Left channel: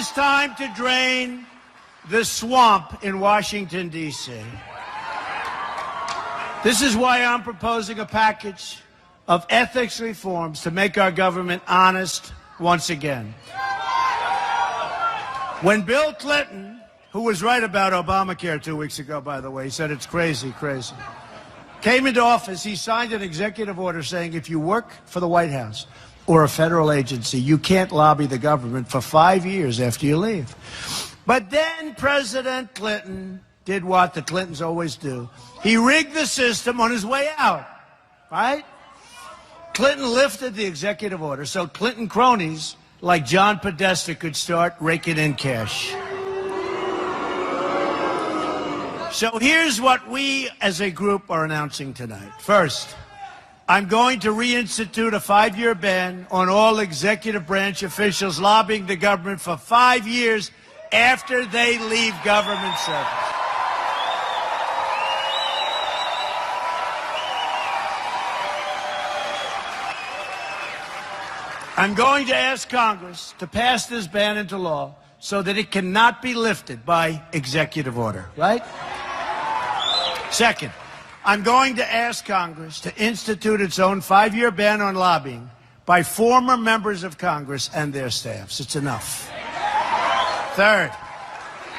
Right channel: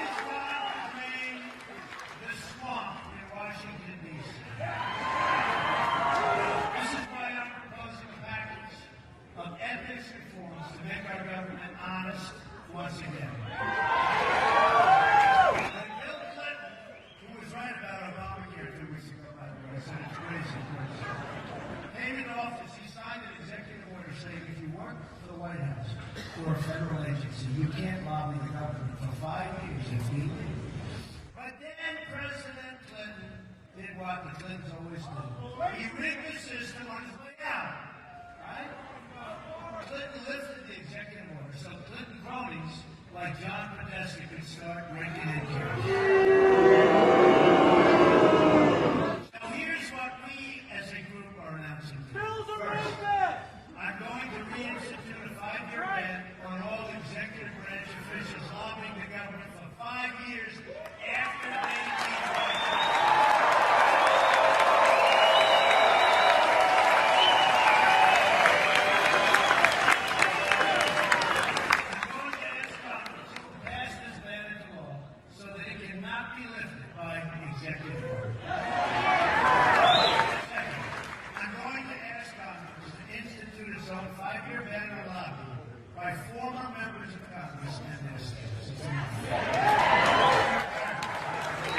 is time to drain the swamp in Washington, D.C. This is why I'm proposing a package of ethics reforms to make our government honest once again. When Bill Clinton, who was right about Obamacare 2 weeks ago, by the way, he said it's crazy, came into office, he signed an executive order saying if you work for the White House or a federal agency, you can't lobby the government for 5 years after you leave. But then President Clinton did what the Clintons always do. He rigged the system on his way out, right? Clinton lifted the executive order so Clinton cronies like John Podesta could start raking in cash. So here's what we as a group are announcing tonight. First, I'm going to reinstitute a 5-year ban on all executive branch officials lobbying the government for 5 years after they leave government service. I'm going to ask Congress to pass this ban into law so that it cannot be lifted by executive order, right? Second, I'm going to ask Congress to institute its own 5-year ban on lobbying by former members of Congress and their staffs. It's enough. Third,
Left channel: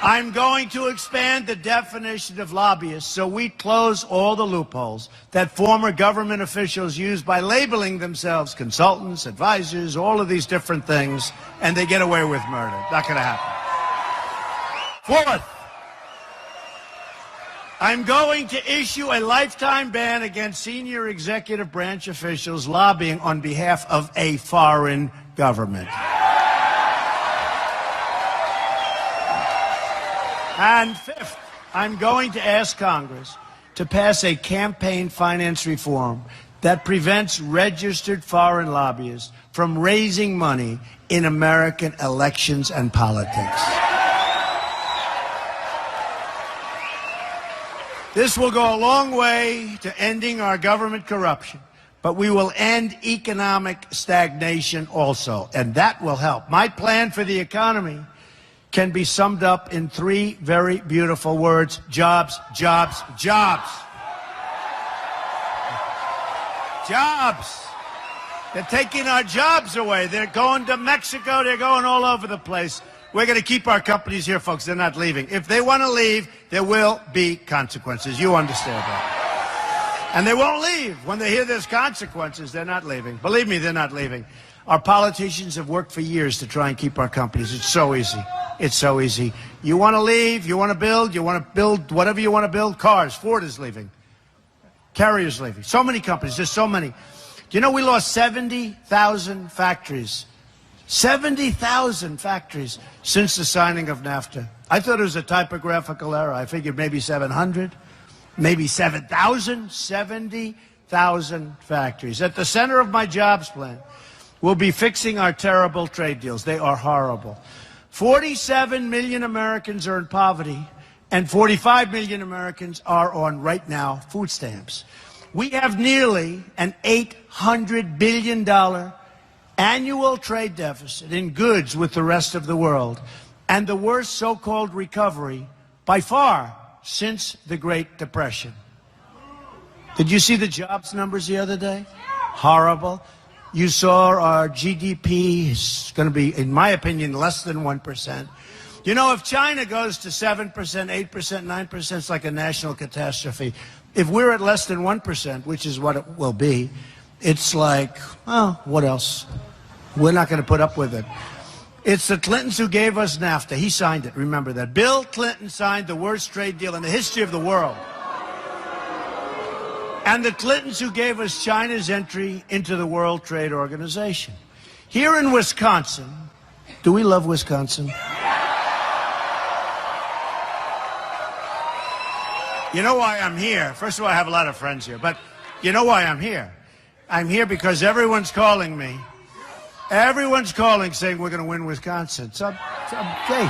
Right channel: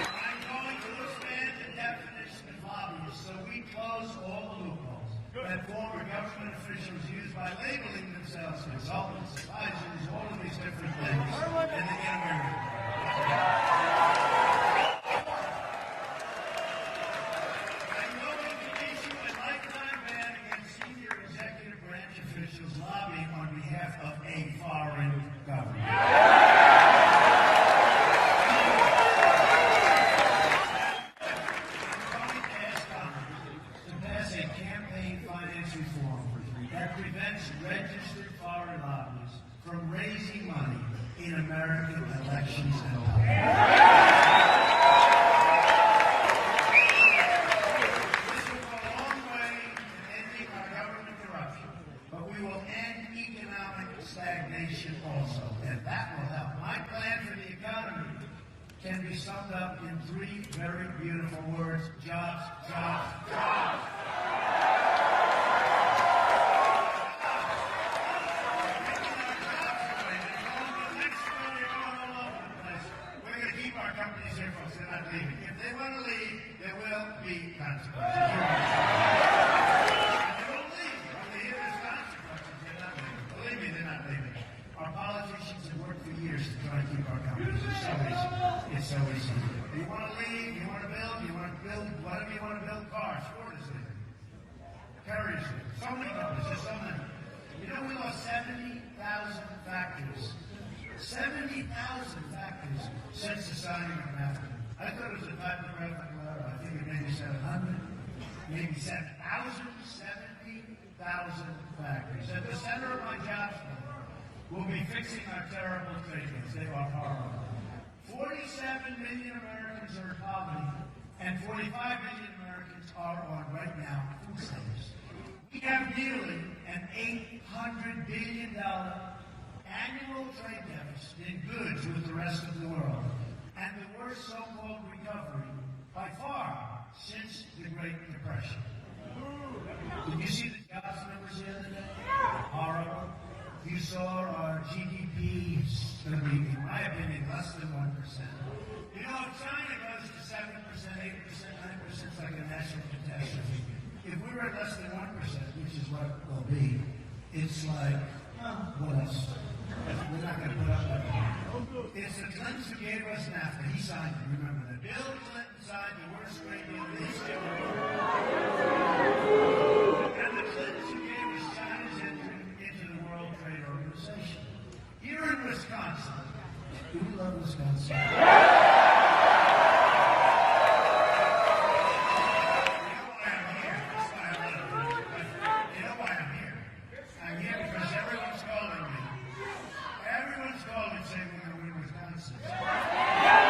I'm going to expand the definition of lobbyists so we close all the loopholes that former government officials use by labeling themselves consultants, advisors, all of these different things, and they get away with murder. Not going to happen. Fourth, I'm going to issue a lifetime ban against senior executive branch officials lobbying on behalf of a foreign government. And fifth, I'm going to ask Congress to pass a campaign finance reform that prevents registered foreign lobbyists from raising money in American elections and politics. This will go a long way to ending our government corruption, but we will end economic stagnation also, and that will help. My plan for the economy can be summed up in 3 very beautiful words: jobs, jobs, jobs. Jobs. They're taking our jobs away. They're going to Mexico. They're going all over the place. We're going to keep our companies here, folks. They're not leaving. If they want to leave, there will be consequences. You understand that. And they won't leave. When they hear there's consequences, they're not leaving. Believe me, they're not leaving. Our politicians have worked for years to try and keep our companies. It's so easy. It's so easy. You want to leave, you want to build whatever you want to build. Cars, Ford is leaving. Carrier's leaving. So many companies, there's so many. You know, we lost 70,000 factories. 70,000 factories since the signing of NAFTA. I thought it was a typographical error. I figured maybe 700, maybe 7,000, 70,000 factories. At the center of my jobs plan, we'll be fixing our terrible trade deals. They are horrible. 47 million Americans are in poverty, and 45 million Americans are on, right now, food stamps. We have nearly an $800 billion annual trade deficit in goods with the rest of the world, and the worst so-called recovery by far since the Great Depression. Did you see the jobs numbers the other day? Horrible. You saw our GDP is going to be, in my opinion, less than 1%. You know, if China goes to 7%, 8%, 9%, it's like a national catastrophe. If we're at less than 1%, which is what it will be, it's like, oh, what else? We're not going to put up with it. It's the Clintons who gave us NAFTA. He signed it. Remember that. Bill Clinton signed the worst trade deal in the history of the world. And the Clintons who gave us China's entry into the World Trade Organization. Here in Wisconsin, do we love Wisconsin? You know why I'm here? First of all, I have a lot of friends here, but you know why I'm here? I'm here because everyone's calling me. Everyone's calling saying we're going to win Wisconsin. So, okay.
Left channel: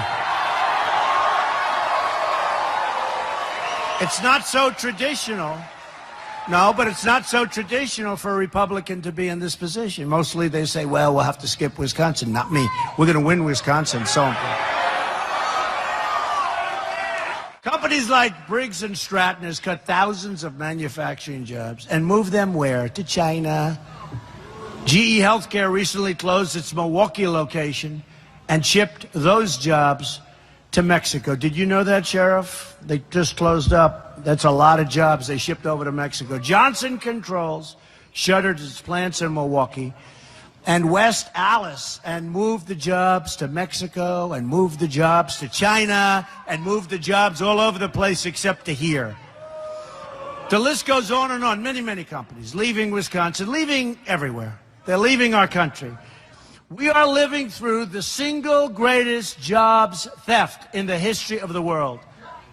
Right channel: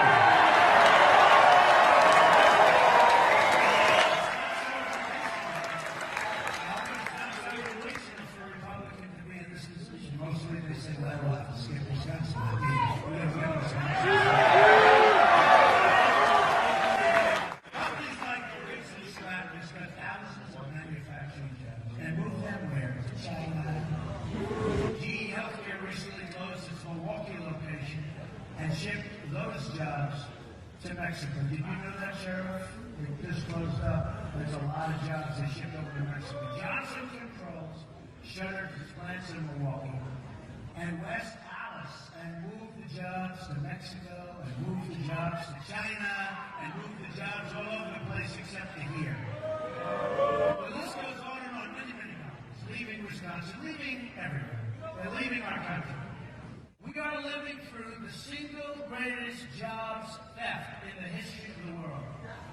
It's not so traditional. No, but it's not so traditional for a Republican to be in this position. Mostly they say, well, we'll have to skip Wisconsin. Not me. We're going to win Wisconsin. So Companies like Briggs & Stratton has cut thousands of manufacturing jobs and moved them where? To China. GE Healthcare recently closed its Milwaukee location and shipped those jobs to Mexico. Did you know that, Sheriff? They just closed up. That's a lot of jobs they shipped over to Mexico. Johnson Controls shuttered its plants in Milwaukee and West Allis and moved the jobs to Mexico and moved the jobs to China and moved the jobs all over the place except to here. The list goes on and on. Many, many companies leaving Wisconsin, leaving everywhere. They're leaving our country. We are living through the single greatest jobs theft in the history of the world.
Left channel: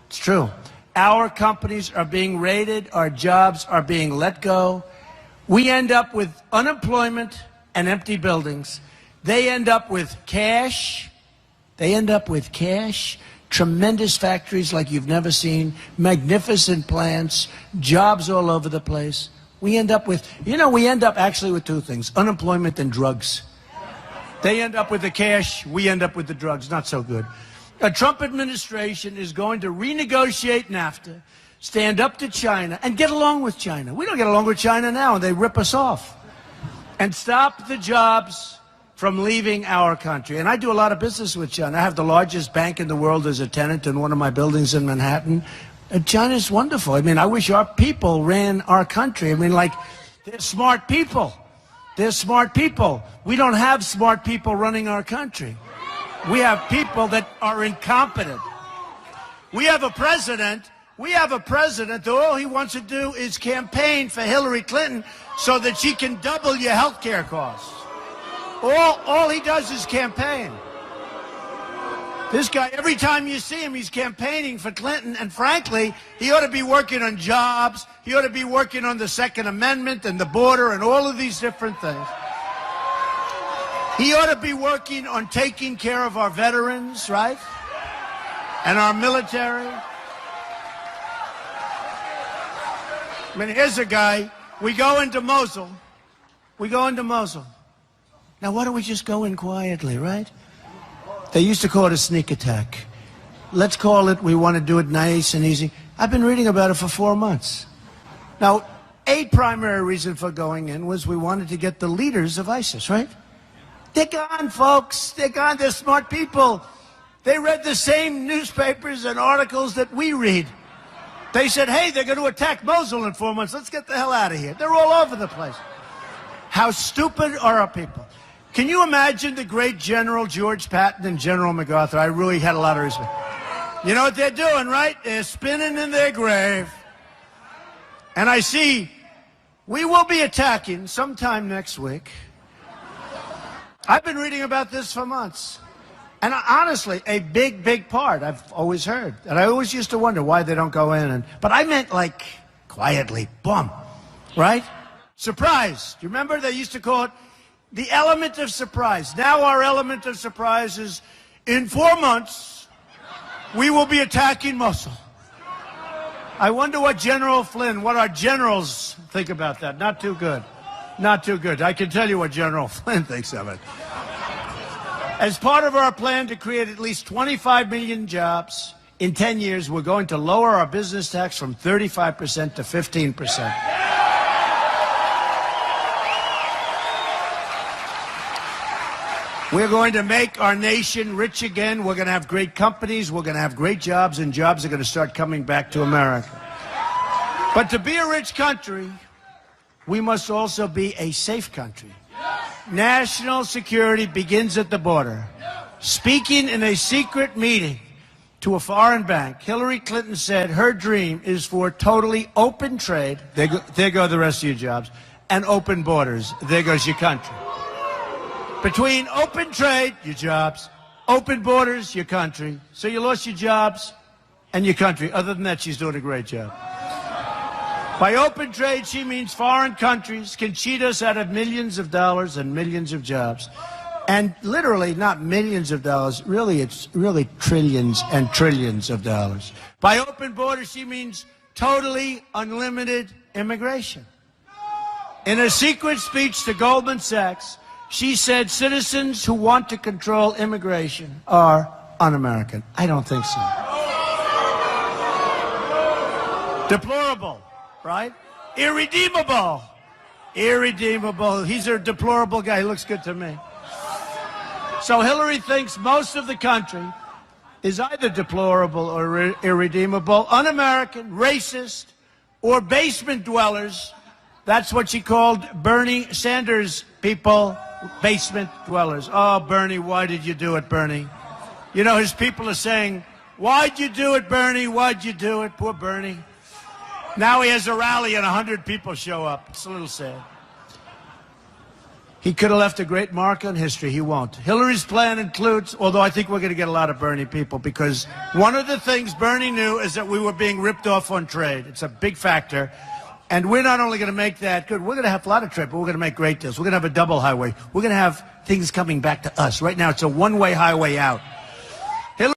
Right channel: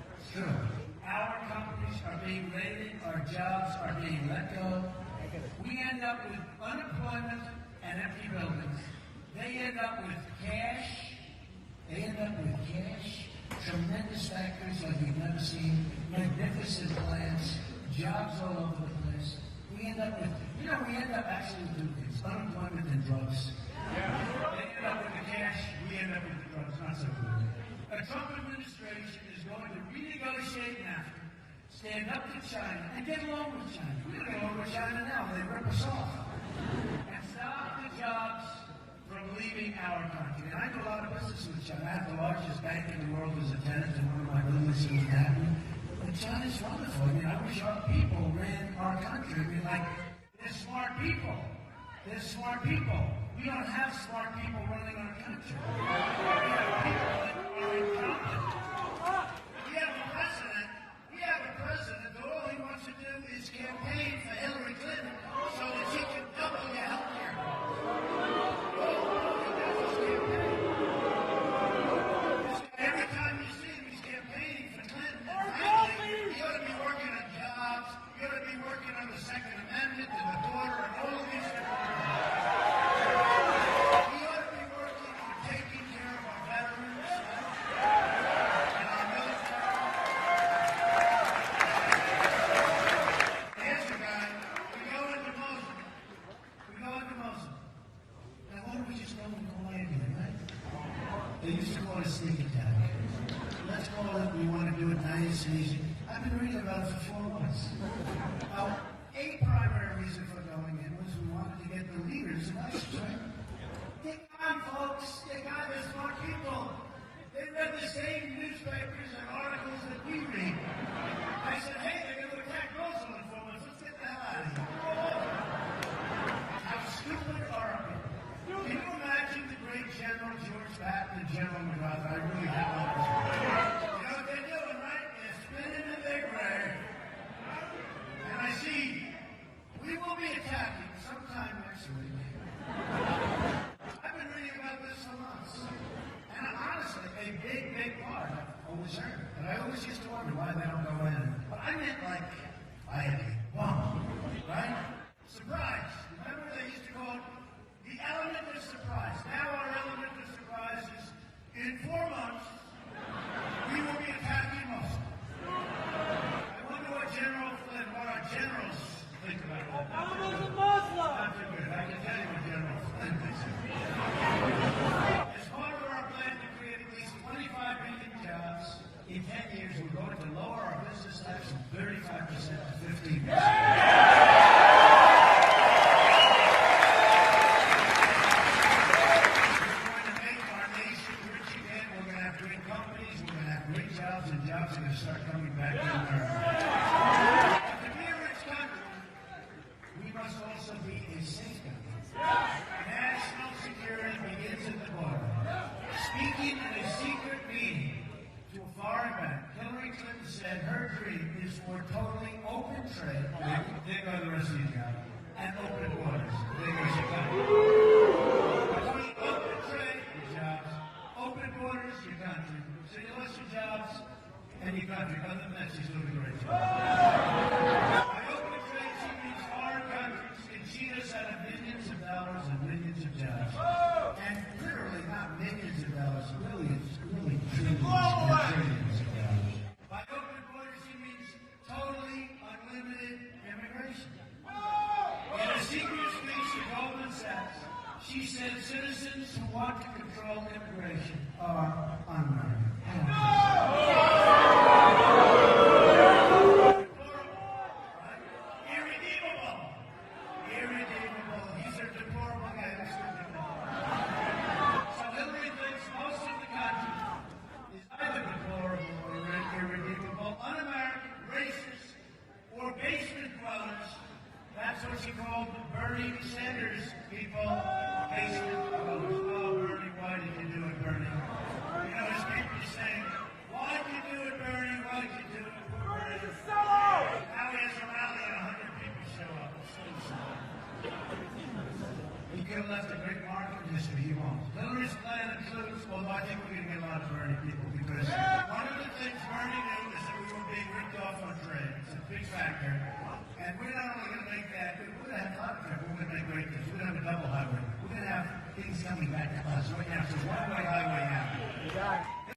It's true. Our companies are being raided. Our jobs are being let go. We end up with unemployment and empty buildings. They end up with cash. Tremendous factories like you've never seen, magnificent plants, jobs all over the place. We end up actually with two things, unemployment and drugs. They end up with the cash, we end up with the drugs. Not so good. A Trump administration is going to renegotiate NAFTA, stand up to China, and get along with China. We don't get along with China now, and they rip us off. And stop the jobs from leaving our country. And I do a lot of business with China. I have the largest bank in the world as a tenant in one of my buildings in Manhattan. And China's wonderful. I mean, I wish our people ran our country. I mean, like, they're smart people. They're smart people. We don't have smart people running our country. We have people that are incompetent. We have a president that all he wants to do is campaign for Hillary Clinton so that she can double your health care costs. All he does is campaign. This guy, every time you see him, he's campaigning for Clinton, and frankly, he ought to be working on jobs. He ought to be working on the Second Amendment and the border and all of these different things. He ought to be working on taking care of our veterans, right? And our military. I mean, here's a guy. We go into Mosul. Now, why don't we just go in quietly, right? They used to call it a sneak attack. Let's call it, we want to do it nice and easy. I've been reading about it for 4 months. Now, a primary reason for going in was we wanted to get the leaders of ISIS, right? They're gone, folks. They're gone. They're smart people. They read the same newspapers and articles that we read. They said, hey, they're going to attack Mosul in 4 months. Let's get the hell out of here. They're all over the place. How stupid are our people? Can you imagine the great General George Patton and General MacArthur? I really had a lot of respect. You know what they're doing, right? They're spinning in their grave. And I see we will be attacking sometime next week. I've been reading about this for months. And honestly, a big, big part I've always heard. And I always used to wonder why they don't go in. But I meant like quietly, boom, right? Surprise. Do you remember they used to call it the element of surprise? Now our element of surprise is in 4 months, we will be attacking Mosul. I wonder what General Flynn, what our generals think about that. Not too good. Not too good. I can tell you what General Flynn thinks of it. As part of our plan to create at least 25 million jobs in 10 years, we're going to lower our business tax from 35% to 15%. We're going to make our nation rich again. We're going to have great companies. We're going to have great jobs, and jobs are going to start coming back to America. But to be a rich country, we must also be a safe country. National security begins at the border. Speaking in a secret meeting to a foreign bank, Hillary Clinton said her dream is for totally open trade. There go the rest of your jobs. And open borders. There goes your country. Between open trade, your jobs, open borders, your country. So you lost your jobs and your country. Other than that, she's doing a great job. By open trade, she means foreign countries can cheat us out of millions of dollars and millions of jobs. And literally, not millions of dollars, really, it's really trillions and trillions of dollars. By open borders, she means totally unlimited immigration. In a secret speech to Goldman Sachs, she said citizens who want to control immigration are un-American. I don't think so. Deplorable, right? Irredeemable. Irredeemable. He's a deplorable guy. He looks good to me. So Hillary thinks most of the country is either deplorable or irredeemable, un-American, racist, or basement dwellers. That's what she called Bernie Sanders people, basement dwellers. Oh, Bernie, why did you do it, Bernie? You know, his people are saying, why'd you do it, Bernie? Why'd you do it? Poor Bernie. Now he has a rally and 100 people show up. It's a little sad. He could have left a great mark on history. He won't. Hillary's plan includes, although I think we're going to get a lot of Bernie people, because one of the things Bernie knew is that we were being ripped off on trade. It's a big factor. And we're not only going to make that good, we're going to have a lot of trade, but we're going to make great deals. We're going to have a double highway. We're going to have things coming back to us. Right now, it's a one-way highway out.